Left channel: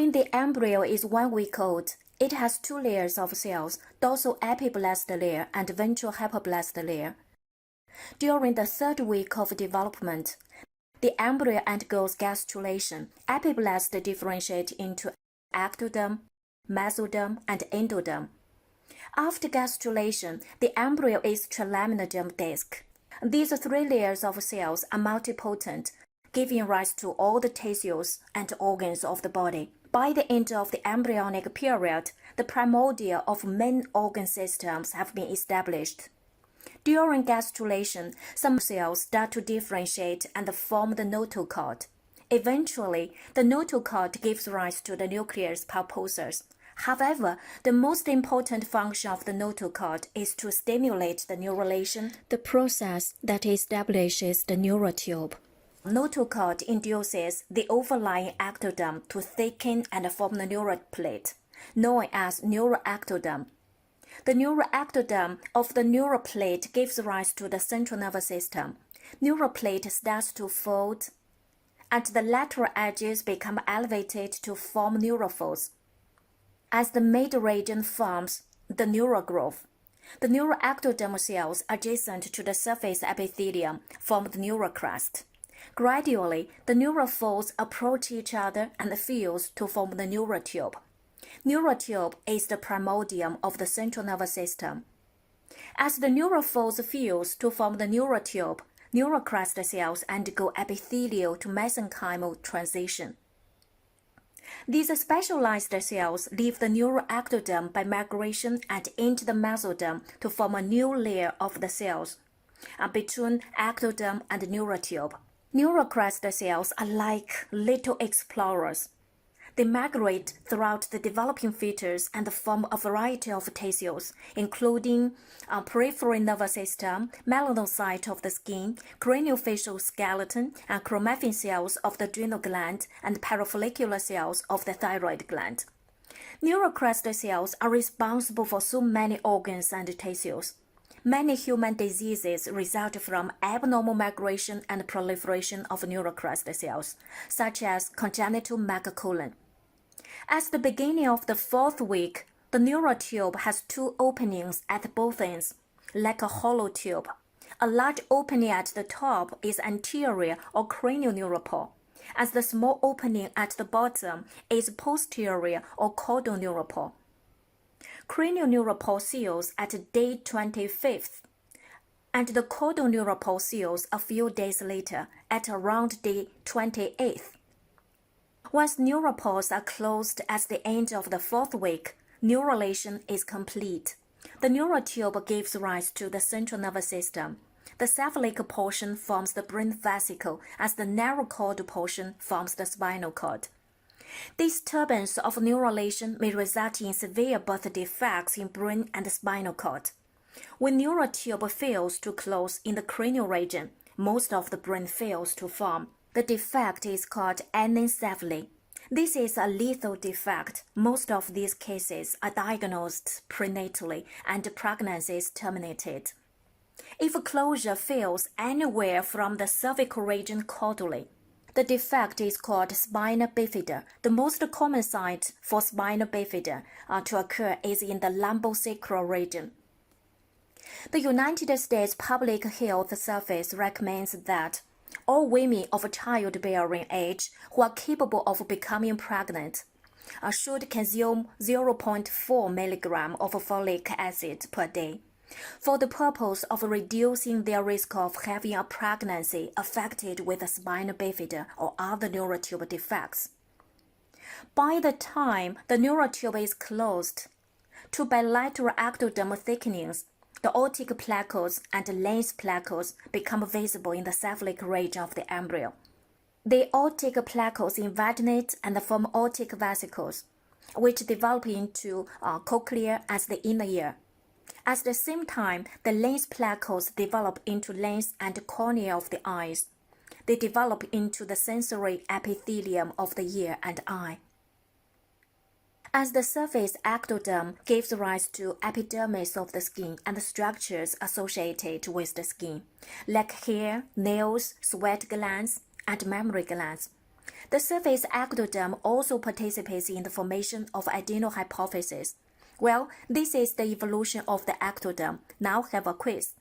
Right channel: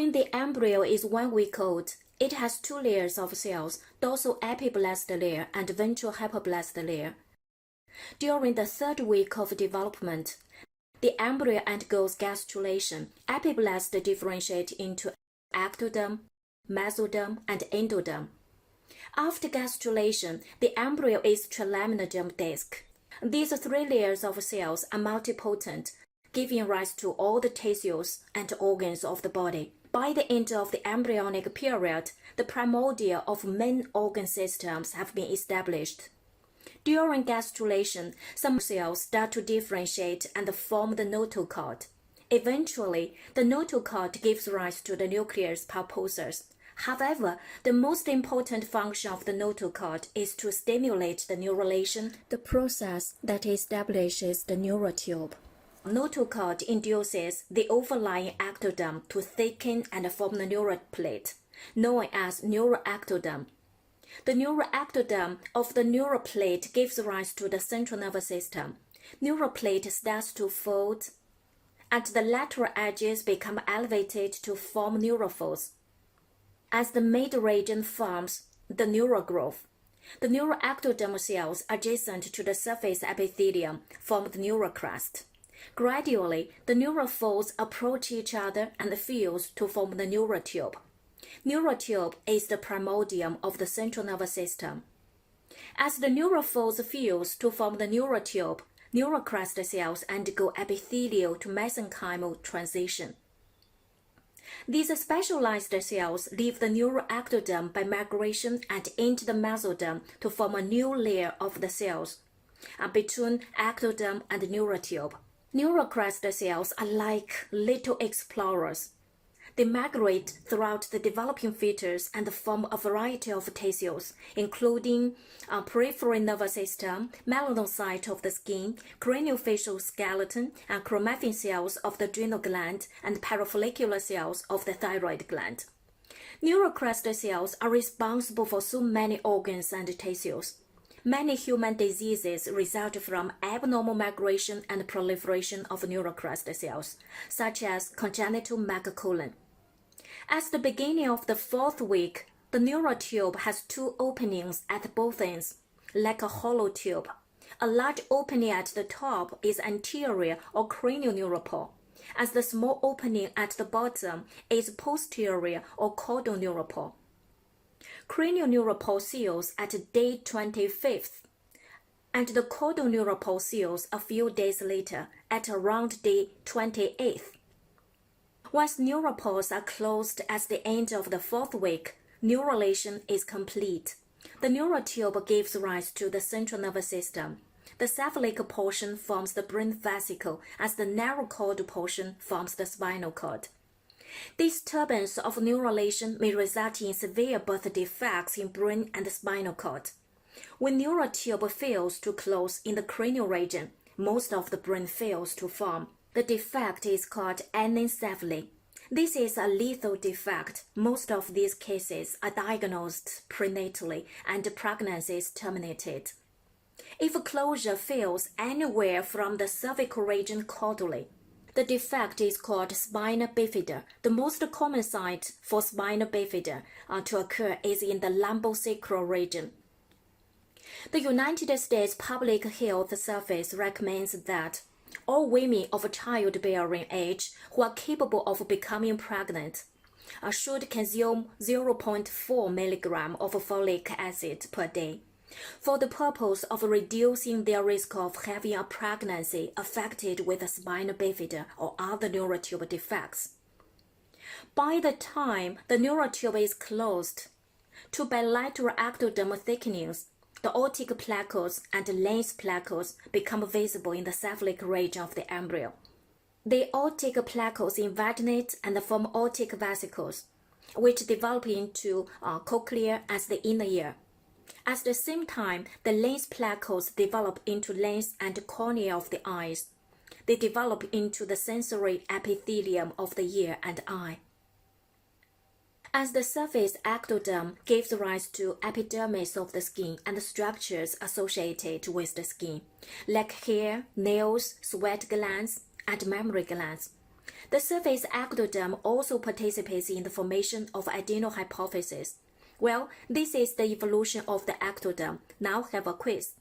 When the embryo is 1 week old, it has 2 layers of cells, dorsal epiblast layer and ventral hypoblast layer. During the 3rd week of development, the embryo undergoes gastrulation. Epiblasts differentiate into ectoderm, mesoderm, and endoderm. After gastrulation, the embryo is trilaminar germ disc. These 3 layers of cells are multipotent, giving rise to all the tissues and organs of the body. By the end of the embryonic period, the primordia of main organ systems have been established. During gastrulation, some cells start to differentiate and form the notochord. Eventually, the notochord gives rise to the nucleus pulposus. However, the most important function of the notochord is to stimulate the neurulation, the process that establishes the neural tube. Notochord induces the overlying ectoderm to thicken and form the neural plate, known as neuroectoderm. The neuroectoderm of the neural plate gives rise to the central nervous system. Neural plate starts to fold, and the lateral edges become elevated to form neurophores. As the mid region forms the neural growth, the neuroectoderm cells adjacent to the surface epithelium form the neural crest. Gradually, the neurophores approach each other and fuse to form the neural tube. Neural tube is the primordium of the central nervous system. As the neurophores fuse to form the neural tube, neural crest cells undergo epithelial to mesenchymal transition. These specialized cells leave the neuroectoderm by migration and enter the mesoderm to form a new layer of the cells between ectoderm and neural tube. Neural crest cells are like little explorers. They migrate throughout the developing fetus and form a variety of tissues, including peripheral nervous system, melanocyte of the skin, craniofacial skeleton, and chromaffin cells of the adrenal gland, and parafollicular cells of the thyroid gland. Neural crest cells are responsible for so many organs and tissues. Many human diseases result from abnormal migration and proliferation of neural crest cells, such as congenital megacolon. At the beginning of the 4th week, the neural tube has 2 openings at both ends, like a hollow tube. A large opening at the top is anterior or cranial as the small opening at the bottom is posterior or caudal neuropore. Cranial neuropore seals at day 25th, and the caudal neuropore seals a few days later at around day 28th. Once neuropores are closed at the end of the 4th week, neurulation is complete. The neural tube gives rise to the central nervous system. The cephalic portion forms the brain vesicle as the narrow cord portion forms the spinal cord. Disturbance of neurulation may result in severe birth defects in brain and spinal cord. When neural tube fails to close in the cranial region, most of the brain fails to form. The defect is called anencephaly. This is a lethal defect. Most of these cases are diagnosed prenatally and pregnancy is terminated. If closure fails anywhere from the cervical region caudally, the defect is called spina bifida. The most common site for spina bifida to occur is in the lumbosacral region. The United States Public Health Service recommends that all women of childbearing age who are capable of becoming pregnant should consume 0.4 milligram of folic acid per day for the purpose of reducing their risk of having a pregnancy affected with a spina bifida or other neural tube defects. By the time the neural tube is closed, 2 bilateral ectodermal thickenings, the aortic plaques and lens plaques become visible in the cephalic region of the embryo. The aortic plaques invaginate and form aortic vesicles, which develop into cochlea as the inner ear. At the same time, the lens plaques develop into lens and cornea of the eyes. They develop into the sensory epithelium of the ear and eye. As the surface ectoderm gives rise to epidermis of the skin and structures associated with the skin, like hair, nails, sweat glands, and mammary glands. The surface ectoderm also participates in the formation of adenohypophysis. Well, this is the evolution of the ectoderm. Now have a quiz.